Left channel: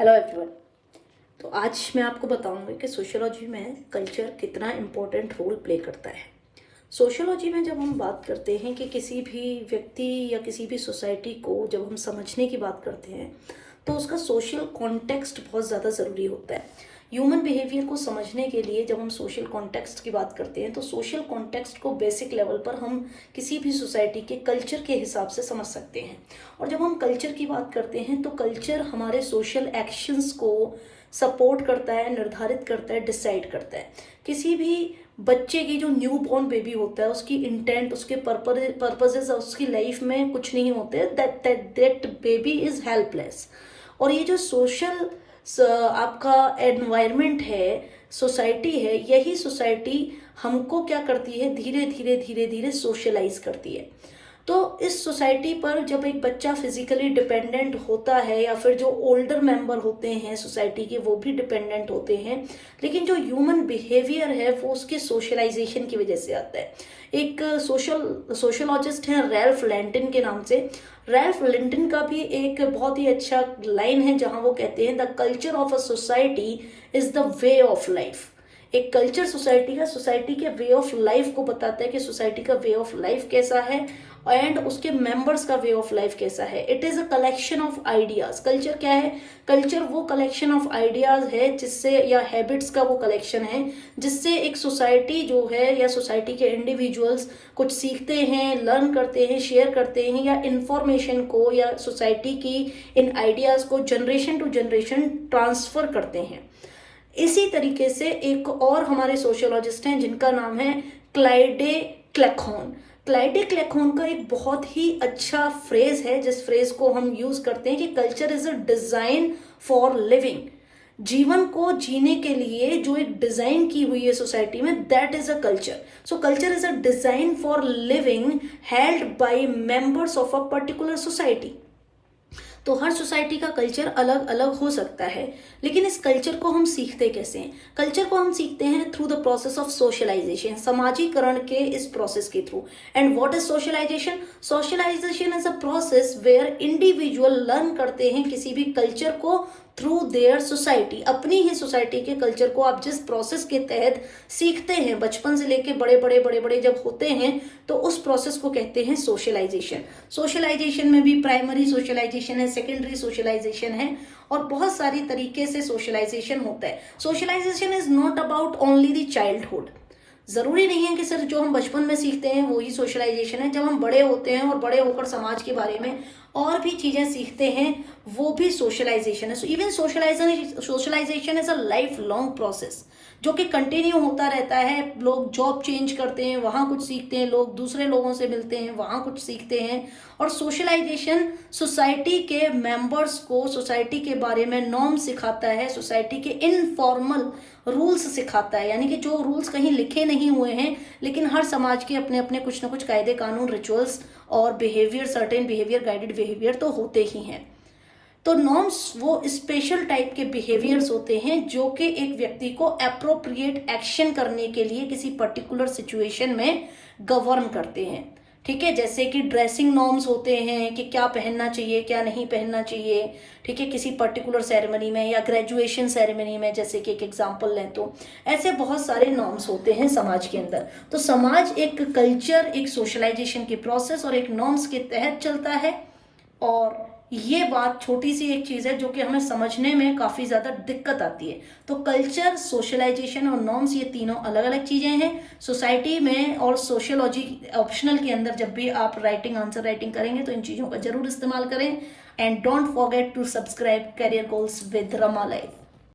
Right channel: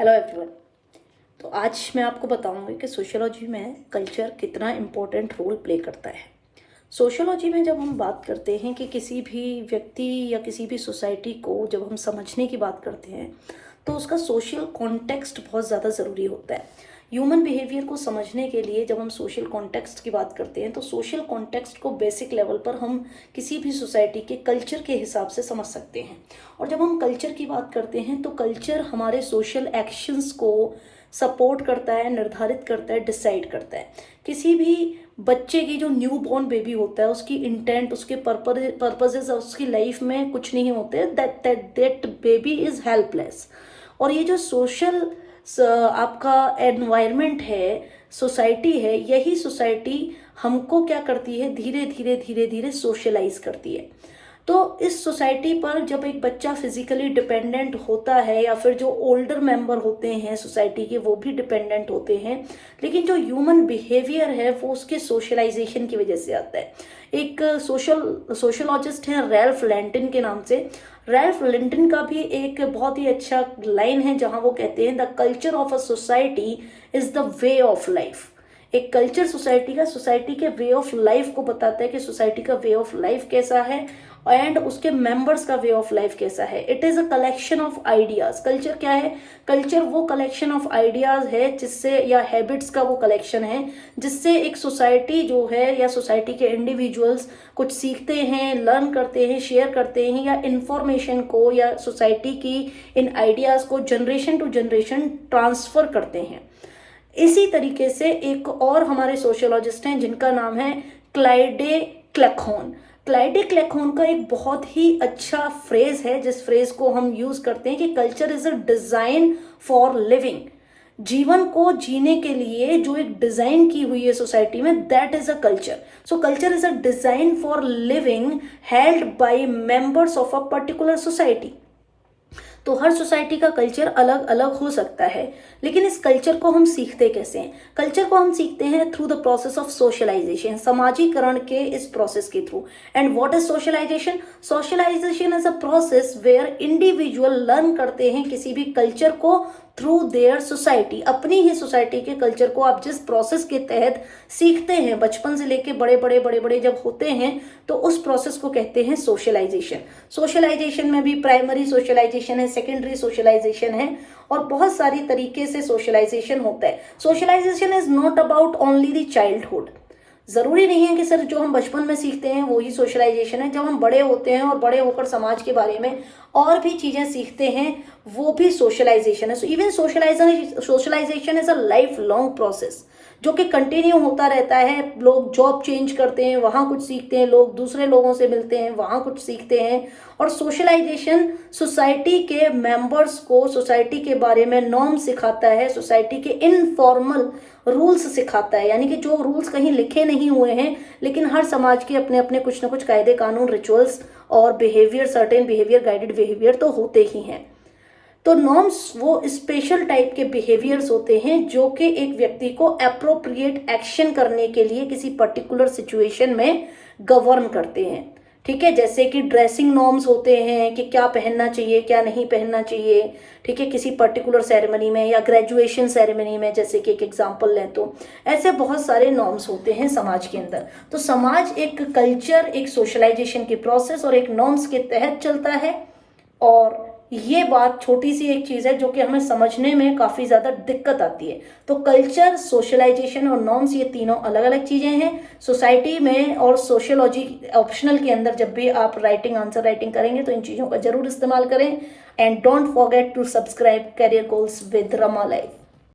Hello everyone. तो आज मैं आपको बताऊंगी कि सोशियोलॉजी में कल्चर कितना इम्पोर्टेंट रोल प्ले करता है। सोशियोलॉजी में जब हम बात करते हैं कि किसी भी व्यक्ति या किसी भी सोसाइटी को जब हम समझने की बात करते हैं तो उसका सोशल कॉन्टेक्स्ट बहुत ज़्यादा ज़रूरी होता है। ह्यूमन बिहेवियर को समझने के लिए जब हम सोशल कॉन्टेक्स्ट की बात करते हैं तो सोशल कॉन्टेक्स्ट को बेसिक लेवल पर हम किसी भी सोसाइटी के कल्चर के हिसाब से समझ सकते हैं। और जब हम कल्चर की बात करते हैं तो कल्चर हमारे सोशल एक्शंस को सपोर्ट करता है, निर्धारित करता है, डिसाइड करता है। किसी भी बच्चे की जो न्यू बॉर्न बेबी होता है उसकी इंटेंट, उसके पर्पजेस उसकी लाइफ में कुछ नहीं होते, दैट बेबी इज हेल्पलेस। और ये जो सोशल आपका एनवायरनमेंट है, सोसाइटी है, यही सोसाइटी हमको क्या करती है, धीरे धीरे धीरे धीरे सोशलाइज करती है। तो इस सोसाइटी पर जब एक बच्चा फिजिकली डिपेंडेंट होता है या फिर जो ओल्डर मेंबर होते हैं सोसाइटी के वो भी डिपेंडेंट होते हैं, लेकिन जो ह्यूमन बिहेवियर है वो उसके सोशलाइजेशन की वजह से आता है। एक सोशोलॉजिस्ट हैं रैल्फ लैंटिन के नाम से। रैल्फ लैंटिन का भी एक बहुत ही अच्छा लाइन है जहां वो कहते हैं the culture of a society is the way of life. एक कल्चर सोसाइटी के वे ऑफ लाइफ को बताता है कि सोसाइटी का वे ऑफ लाइफ कैसा है एंड उसके मेंबर्स का वे ऑफ लाइफ कैसा है। It is a collection of ideas. Culture क्या है? कल्चर वो कलेक्शन ऑफ आइडियाज है जिससे, या हैबिट्स का वो कलेक्शन है जिससे एक सोसाइटी जो है या सोसाइटी के इंडिविजुअल्स कुछ सीखते हैं, लर्न करते हैं, शेयर करते हैं, या इंफॉर्मेशन को या सोसाइटी की इन आइडियाज को जनरेशन टू जनरेशन ट्रांसफर करते हैं। इसी तरीके से एक और हमारे सोशियोलॉजिस्ट हैं जिनका नाम है क्लाइडे क्लेखोन। क्लाइडे क्लेखोन का एक बहुत ही अच्छा फ्रेज है जिस फ्रेज को हम यूज करते हैं कि culture is a design for living. जीवन को जीने के लिए जो एक डिजाइन की हुई है सोसाइटी में, that is a culture. So culture is a design for living held by members of a particular society. तो हर सोसाइटी का कल्चर अलग अलग हो सकता है, लेकिन इस कल्चर को हम सीखते कैसे हैं? कल्चर को हम सीखते हैं through the process of socialization, समाजीकरण के इस प्रोसेस के थ्रू। And what is socialization? Socialization is a process where individual learn करते हैं किसी भी कल्चर को थ्रू देयर सोसाइटी। अपनी ही सोसाइटी के कल्चर को आप जिस प्रोसेस के तहत सीखते हैं, बचपन से लेके बड़े बड़े जब होते हैं तो उस प्रोसेस को कहते हैं सोशलाइजेशन। सोशलाइजेशन में भी प्राइमरी सोशलाइजेशन है, सेकेंडरी सोशलाइजेशन है, और बहुत सारी तरीके से सोशलाइजेशन होता है। Socialization is not about only the childhood. जरूरी नहीं है कि सिर्फ जो हम बचपन में सीखते हैं वो ही सोशलाइजेशन है। जब हम बड़े होते हैं और बड़े होकर समाज के बारे में और भी चीजें सीखते हैं वो भी सोशलाइजेशन है। So even socialization is a life long process जो कि कंटिन्यू होता रहता है। लोग जॉब चेंज करते हैं, वहां कुछ सीखते हैं, लोग दूसरे लोगों से मिलते हैं, वहां कुछ सीखते हैं। और सोशलाइजेशन सोसाइटी के मेंबर्स को सोसाइटी के बारे में नॉर्म सिखाता है, सोसाइटी के इनफॉर्मल रूल्स सिखाता है, यानी कि जो रूल्स कहीं लिखे नहीं हुए हैं लेकिन हर समाज के अपने अपने कुछ ना कुछ कायदे कानून, रिचुअल्स और behaviour, certain behaviour, guided behaviour तो होते ही हैं। तो नॉर्म्स वो स्पेशल टाइप के बिहेवियर्स होते हैं जो कि एक व्यक्ति को अप्रोप्रिएट एक्शन करने के लिए किसी पर्टिकुलर सिचुएशन में गवर्न करते हैं। ठीक है, जैसे कि ड्रेसिंग नॉर्म्स होते हैं कि क्या पहनना चाहिए, क्या नहीं पहनना चाहिए। ठीक है, किसी पर्टिकुलर सेरेमनी में या ग्रेजुएशन सेरेमनी में, जैसे कि एक एग्जांपल लें तो ऐसे बहुत सारे नॉर्म्स होते हैं समाज के अंदर। तो समाज एक कल्चर, एक सोशलाइजेशन की प्रोसेस और एक नॉर्म्स के तहत चलता है। और ये बात छोटी सी एक चीज है जो कि हमें समझने में काफी ज्यादा दिक्कत आती है। तो कल्चर, सोशलाइजेशन और नॉर्म्स ये तीनों अलग अलग चीजें हैं सोसाइटी में। और सोशियोलॉजी ऑप्शनल के अंदर जब भी आप आंसर राइटिंग करेंगे तो इन चीजों का जरूर इस्तेमाल करें। And don't forget to subscribe career goals with Rama life.